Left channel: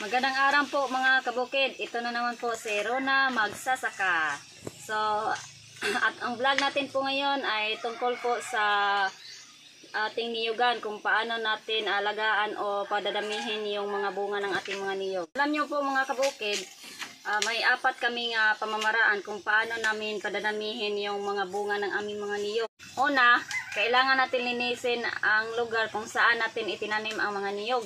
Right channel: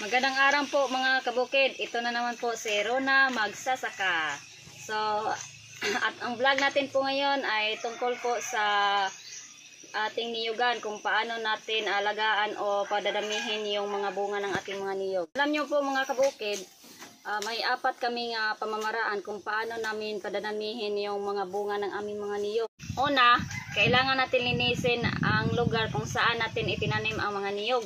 Magandang araw po mga kabukid. Ito na naman po si Rona Magsasaka. So, at ang vlog natin po ngayon ay tungkol po sa ating niyugan, kung paano natin alagaan o padadamihin yung mga bunga ng ating mga niyog. Alam nyo po mga kabukid, may apat kaming pamamaraan kung paano namin padadamihin yung mga bunga ng aming mga niyog. Una, kailangan natin linisin ang lugar kung saan natin itinanim ang mga niyog.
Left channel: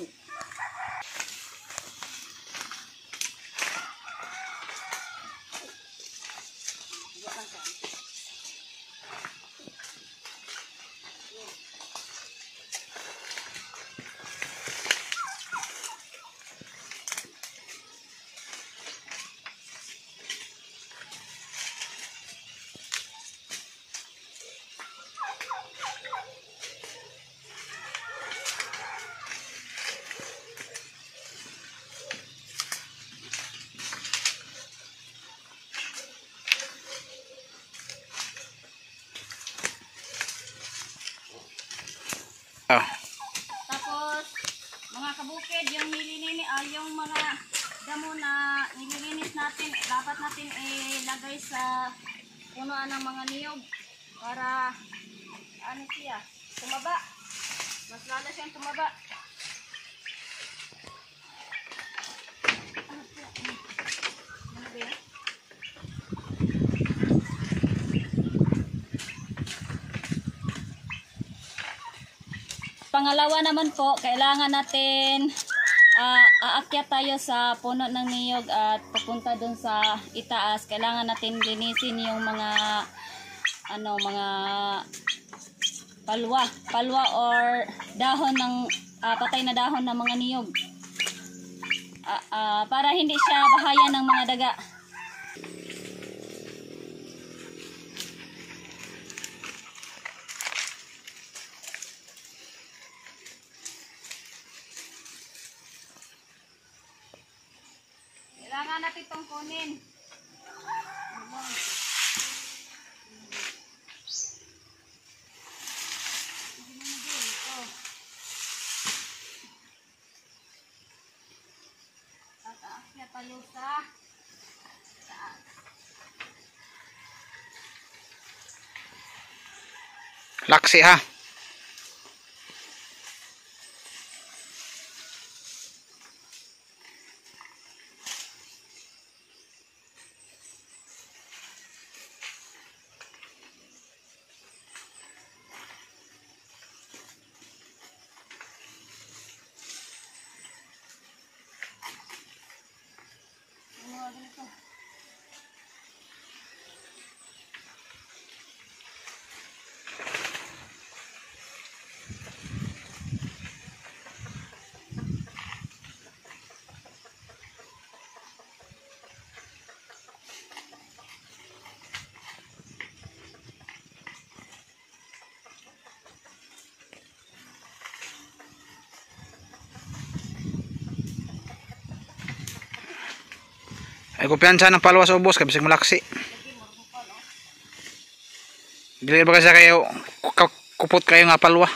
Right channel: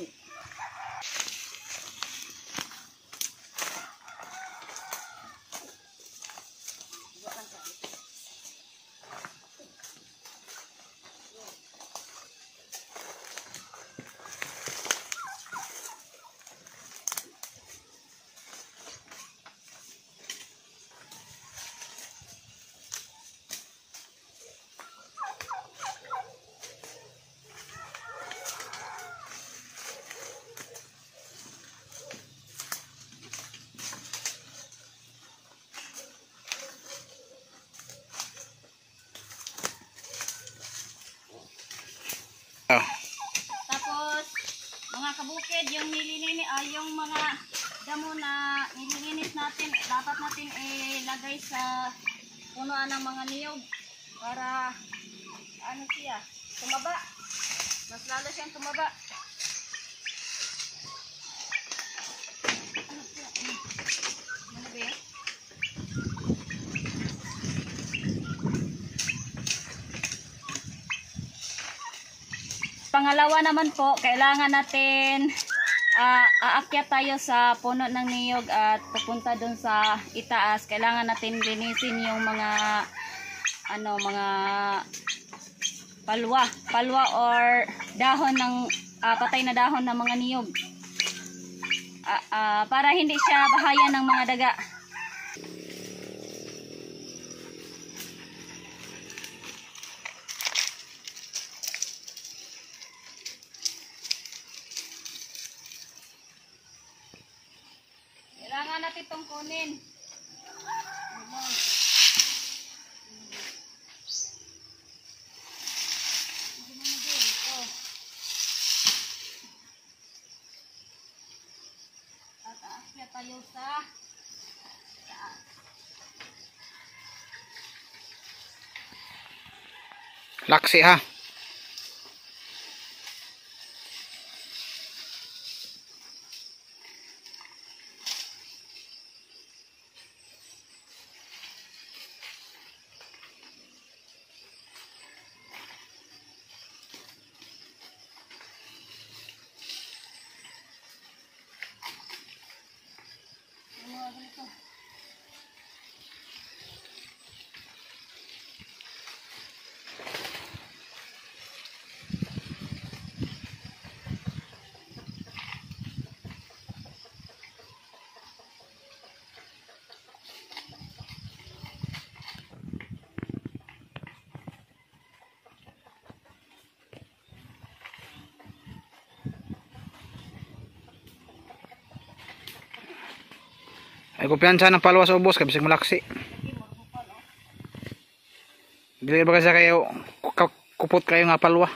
Tapos, mga kabukid, yung yung mga damo na nililinis natin, dapat natin ilagay sa punuan ng mga niyog para ano siya, tumaba. Mas lalo siyang tumaba. Ano ba yan? Pangalawa naman po, kailangan natin aakyat tayo sa puno ng niyog at pupunta dun sa itaas. Kailangan natin linisin yung mga mga palwa or dahon ng patay na dahon ng mga niyog. Para hindi siya bahayan ng mga daga. Kailangan natin itong kunin. Tataas tayo sa taas. Laksi ha. Ay kumpiyansa ng palwa sa ubos, kabisig malaksi. Dili ba kasi kayo kupot kayo nga palwa.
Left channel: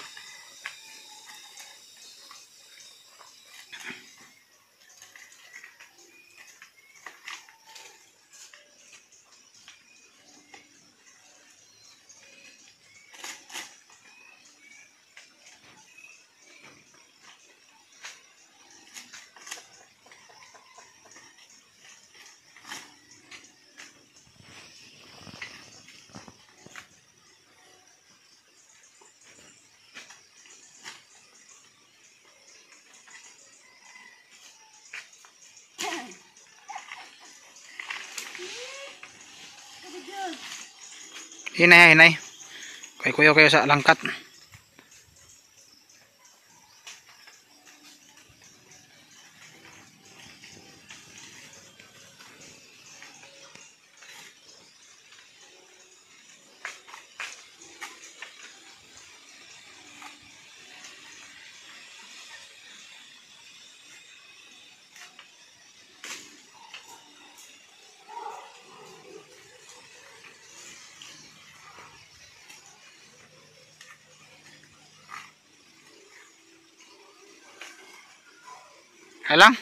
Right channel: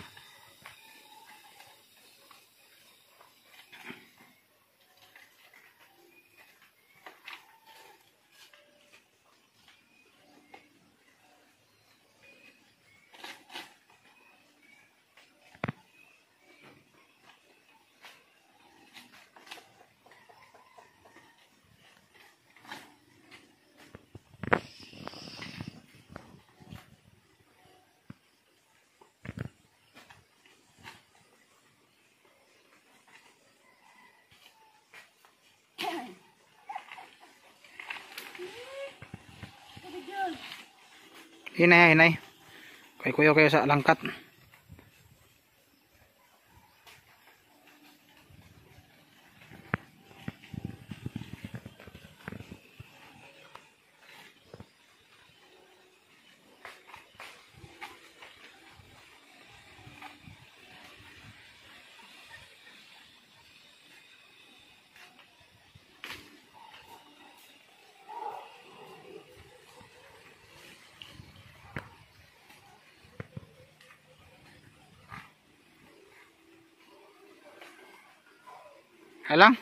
Hinay, hinay. Kay kuya kayo sa langkat. Halang.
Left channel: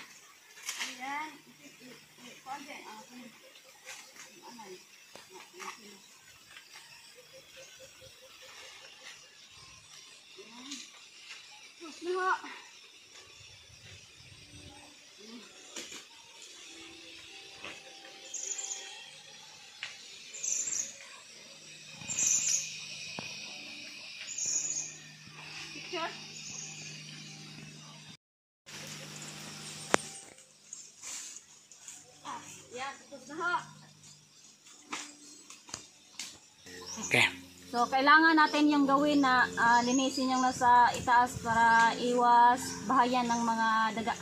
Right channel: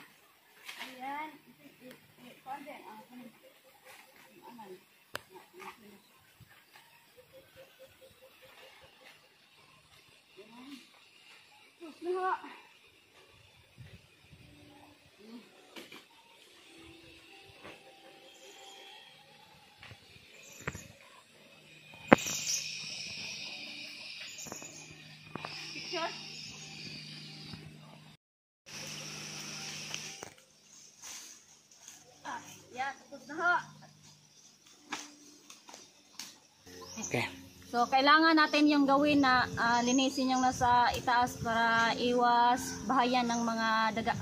Okay. So, kailangan natin yung gawin na linisin yung nasa itaas para iwas bahayan ng mga daga.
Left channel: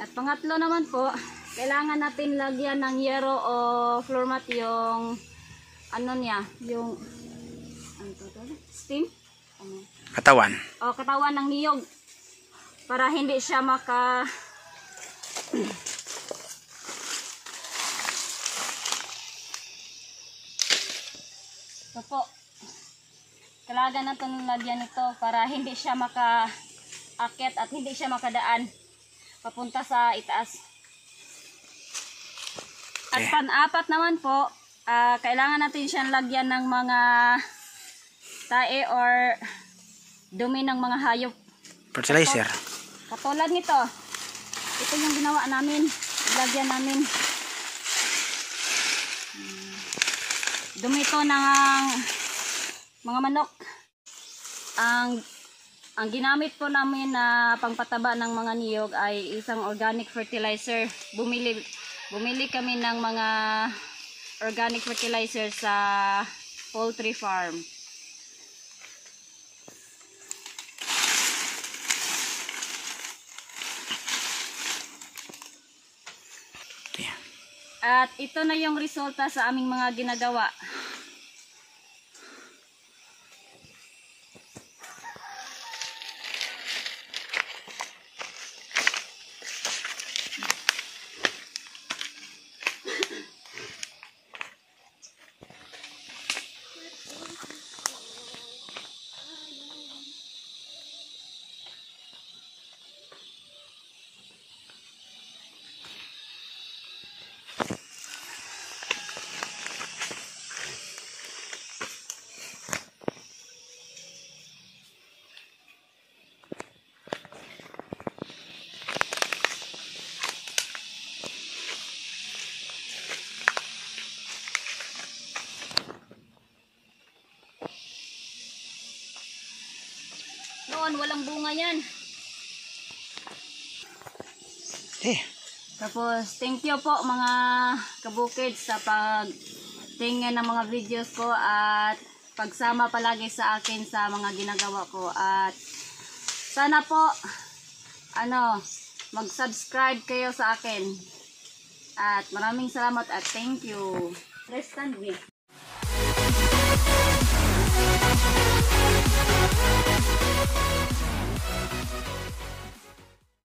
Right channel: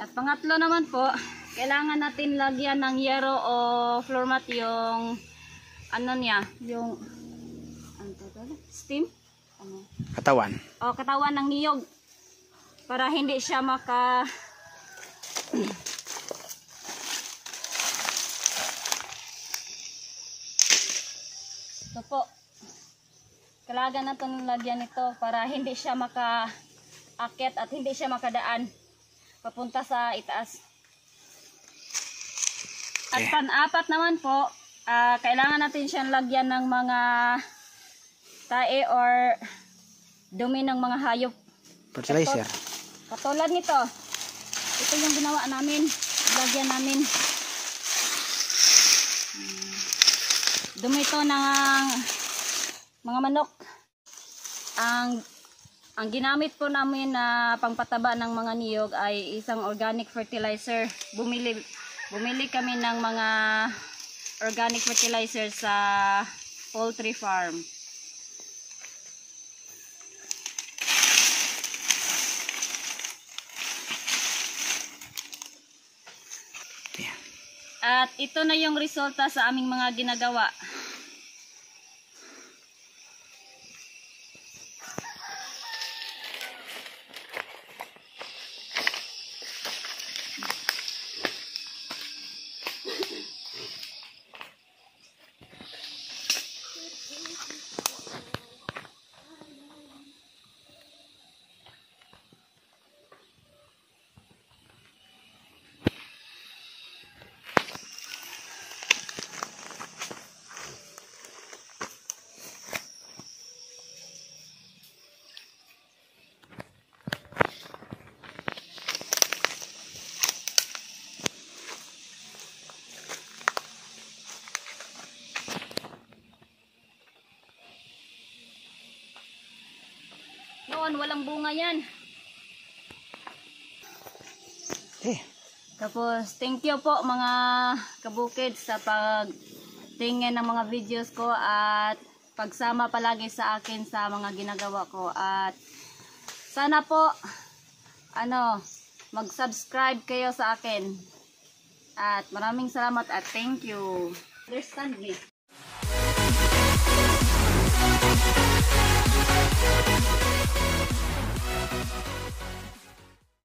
At pangatlo naman po, kailangan natin lagyan ng yero o floor mat yung ano niya, yung ano to? Steam? Ano? Katawan. O katawan ng niyog para hindi siya maka So po, kailangan natin lagyan ito para hindi siya maka-akit at hindi siya makadaan papunta sa itaas. At Okay. pan-apat naman po, kailangan natin siyang lagyan ng mga tae or dumi ng mga hayop. Fertilizer. Katulad nito, ito yung ginawa namin, lagyan namin. Dumi ito ng mga manok. Ang ginamit po namin na pangpataba ng mga niyog ay isang organic fertilizer. Bumili kami ng mga organic fertilizer sa poultry farm. Yeah. At ito na yung resulta sa aming mga ginagawa. Noon, walang bunga yan. Eh. Tapos, thank you po mga kabukid sa pagtingin ng mga videos ko at pagsama palagi sa akin sa mga ginagawa ko. At sana po, mag-subscribe kayo sa akin. At maraming salamat at thank you. Understand me?